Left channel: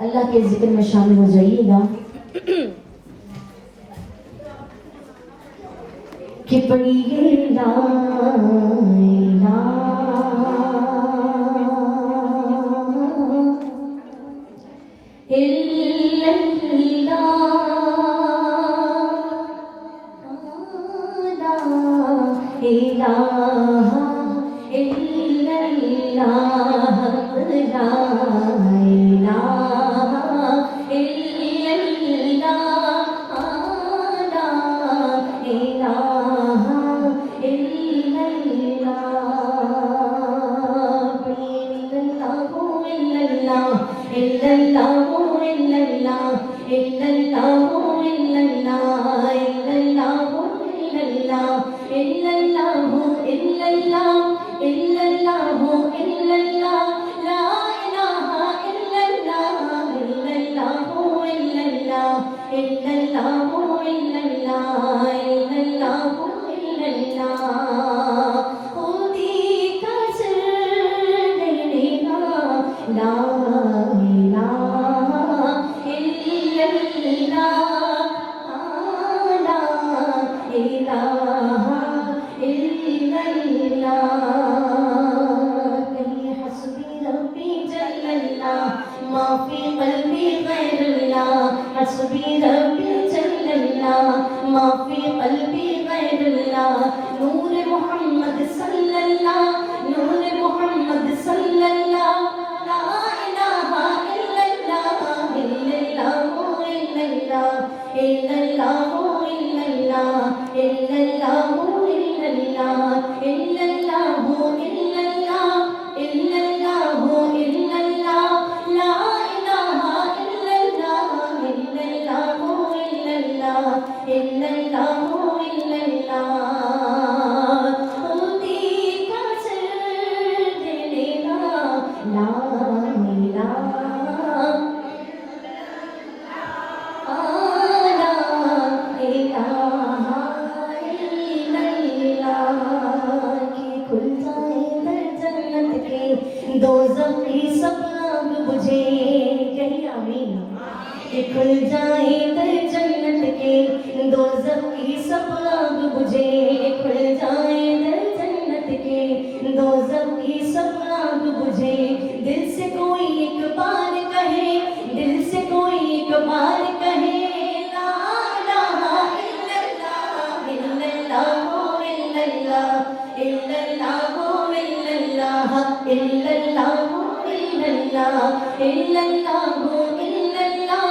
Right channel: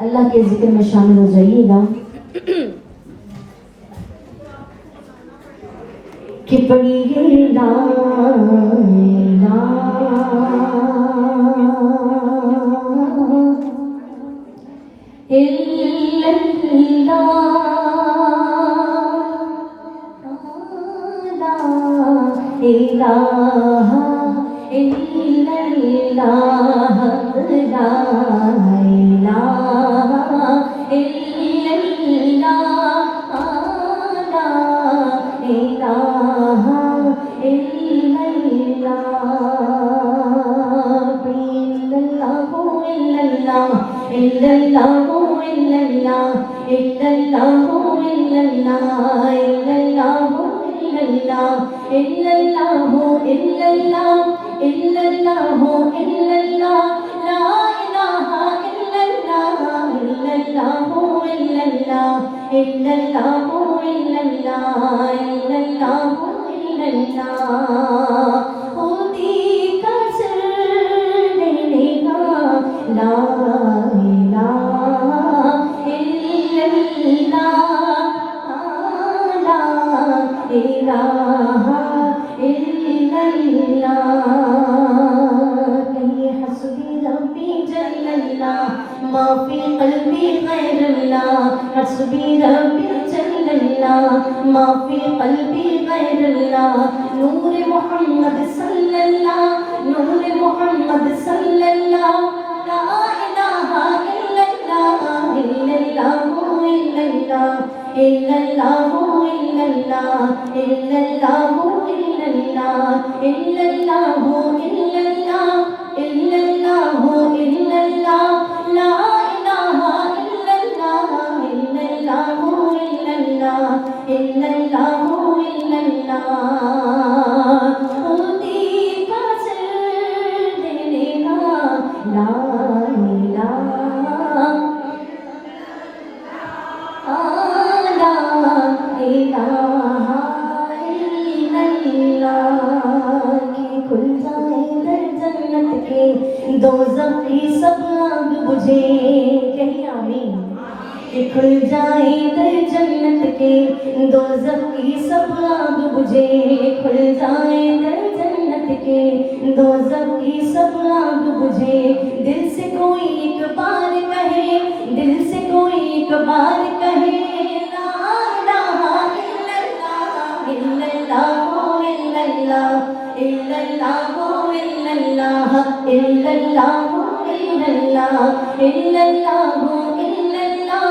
अल्लाह के जिक्र में शामिल हो जाइएगा कि पढ़िए ला इलाहा इल्लल्लाह ला इलाहा इल्लल्लाह ला इलाहा इल्लल्लाह इल्लल्लाहु इल्लल्लाह इल्लल्लाहु इल्लल्लाह इल्लल्लाहु इल्लल्लाह इल्लल्लाहु इल्लल्लाह इल्लल्लाहु इल्लल्लाह इल्लल्लाहु इल्लल्लाह ला इलाहा इल्लल्लाह इल्लल्लाहु इल्लल्लाह इल्लल्लाहु इल्लल्लाह इल्लल्लाहु इल्लल्लाह खुदी का सिर देना ला इलाहा इल्लल्लाह ला इलाहा माफी कल्बी गैरुल्लाह हस्बी रब्बी जल्लल्लाह माफी कल्बी गैरुल्लाह नूर मोहम्मद सल्लल्लाह नूर मोहम्मद सल्लल्लाह ला इलाहा इल्लल्लाह इल्लल्लाहु इल्लल्लाह इल्लल्लाहु इल्लल्लाह इल्लल्लाहु इल्लल्लाह इल्लल्लाहु इल्लल्लाह इल्लल्लाहु इल्लल्लाह ला इलाहा इल्लल्लाह इल्लल्लाहु इल्लल्लाह इल्लल्लाहु इल्लल्लाह खुदी का सिर देना ला इलाहा ला इलाहा इल्लल्लाह की खुल जाए दर जन्नत के दोज़ख की सब आग बुझे कहीं आमीन खुल जाए दर जन्नत के दोज़ख की सब आग बुझे खुल जाए दर जन्नत के दोज़ख की सब आग बुझे दिल से कोई एक बार कहे दिल से कोई एक बार कहे ला इलाहा इल्लल्लाह इल्लल्लाहु इल्लल्लाह इल्लल्लाहु इल्लल्लाह इल्लल्लाहु इल्लल्लाह इल्लल्लाहु इल्लल्लाह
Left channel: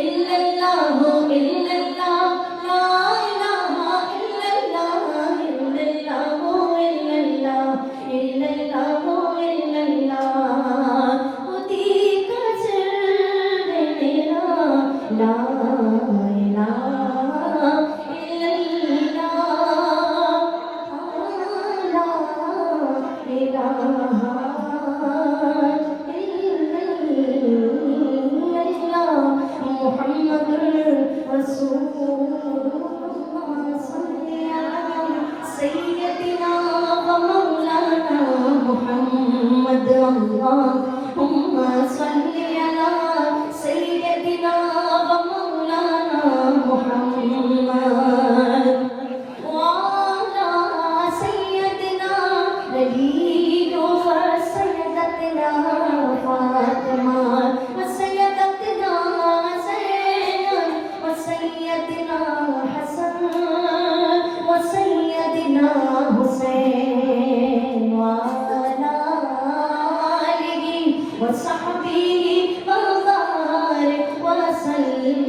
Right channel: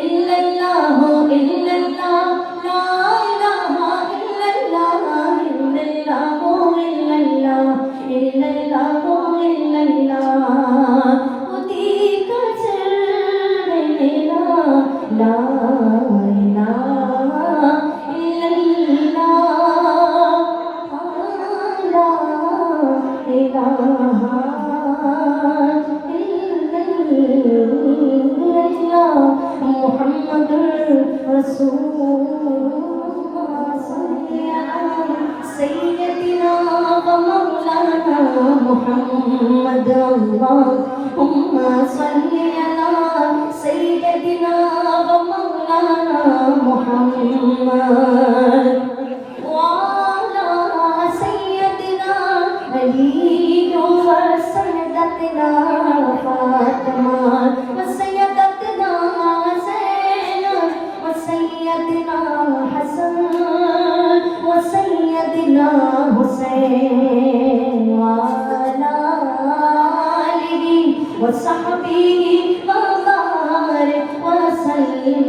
इल्लल्लाहु इल्लल्लाह ला इलाहा इल्लल्लाह इल्लल्लाहु इल्लल्लाह इल्लल्लाहु इल्लल्लाह खुदी का सिर देना ला इलाहा इल्लल्लाह ला इलाहा इल्लल्लाह मुहम्मदुर रसूलुल्लाह सय्यदना व मौलाना मुहम्मद अल्लाहुम्मा सल्ली अला सय्यदना व मौलाना मुहम्मद व अला सय्यदना अली व सय्यदना फातिमा व सय्यदना ज़ैनब व सय्यदना हसन व सय्यदना हुसैन व अला आलिहि व सहबिहि व बारिक व सल्लिम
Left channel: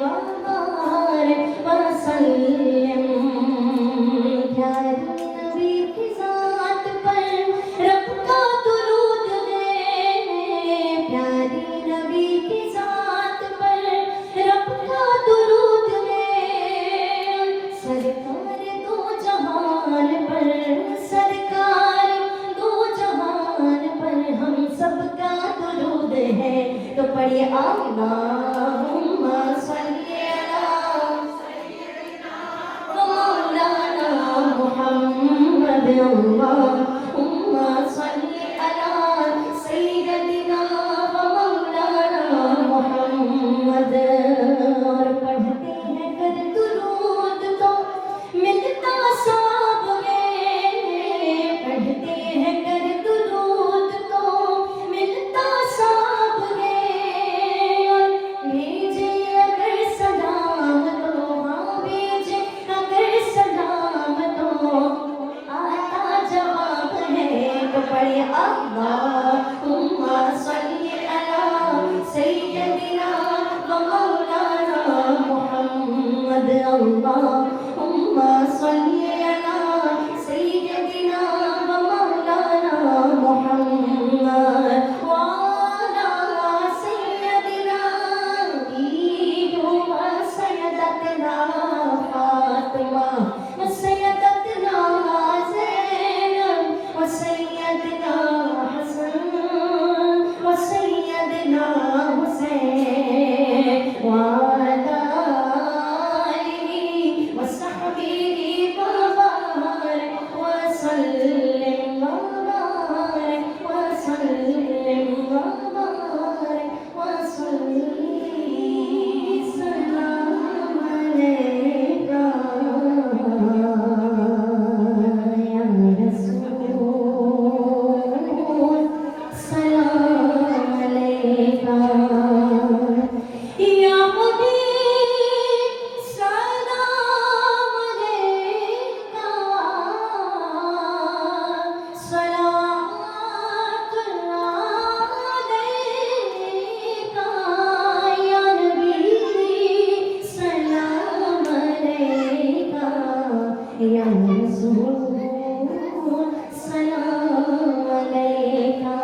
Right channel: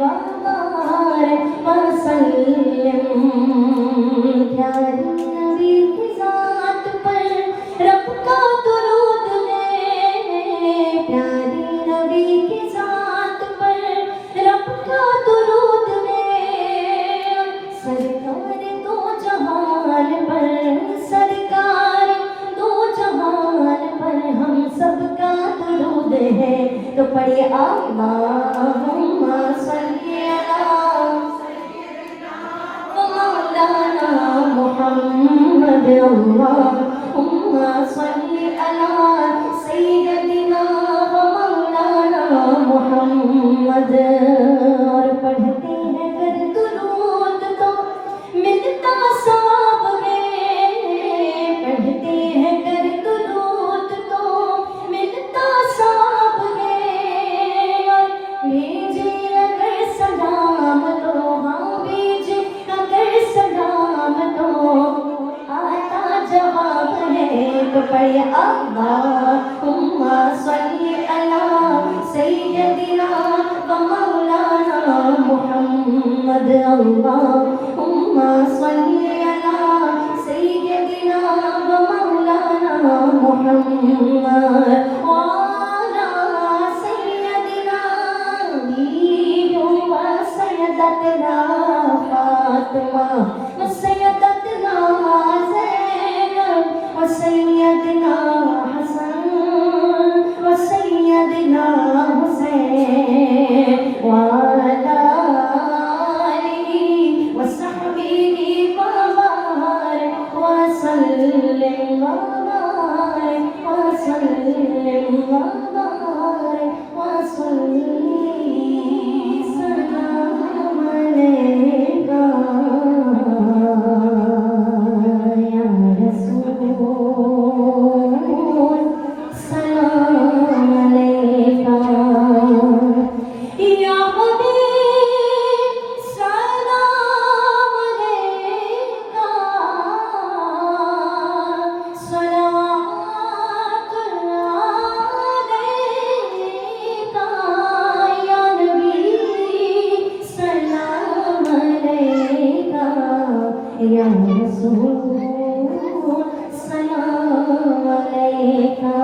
व बारिक व सल्लिम प्यारे नबी की ज़ात पर रब का दुरूद है प्यारे नबी की ज़ात पर रब का दुरूद है सरकार दो जहान पर सरकार दो जहान पर हम सबका दुरूद है तो पढ़िए अल्लाहुम्मा सल्ली अला व मौलाना मुहम्मद अल्लाहुम्मा सल्ली अला सय्यदिना व मौलाना मोहम्मद। और पढ़ते हैं कर दुरूद तो मिलता सब है, पढ़ते हैं कर दुरूद तो मिलता सब है। और भेजे अगर सलाम तो, हाँ भेजे अगर सलाम तो आता जवाब है। तो पढ़े अल्लाहुम्मा सल्ली अला सय्यदिना व मौलाना मुहम्मद। अल्लाहुम्मा सल्ली अला सय्यदिना व मौलाना मुहम्मद व अला सय्यदिना बीबी व सय्यदतना फातिमा व सय्यदतना ज़ैनब व सय्यदना हसन व सय्यदना हुसैन व अला आलिहि व सहबिहि व बारिक व सल्लिम व बारिक व सल्लिम व बारिक व सल्ली सलाम अलैका या रसूल सलाम अलैका या हबीब सलाम अलैका सलावतुल्लाह अलैका या नबी सलाम अलैका या रसूल सलाम अलैका।